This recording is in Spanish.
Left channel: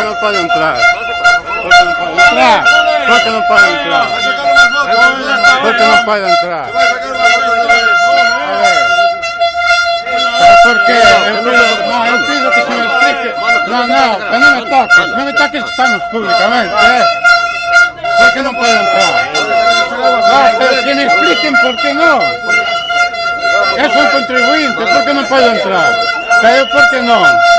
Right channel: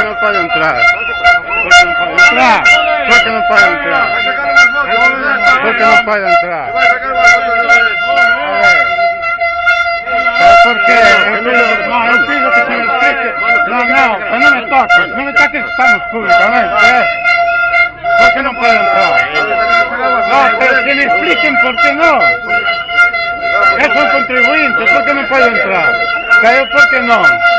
qué no puede entrar? ¿Por qué no puede entrar? ¿Por qué no puede entrar? ¿Por qué no puede entrar? A ver. ¿Por qué? No, pido que se me explique. No, que no me toques. No me toques que estamos públicamente. ¿Por qué no puede entrar? No, pero que me expliquen por qué no. Es un contribuyente, ¿por qué no puede entrar? ¿Pero por qué no?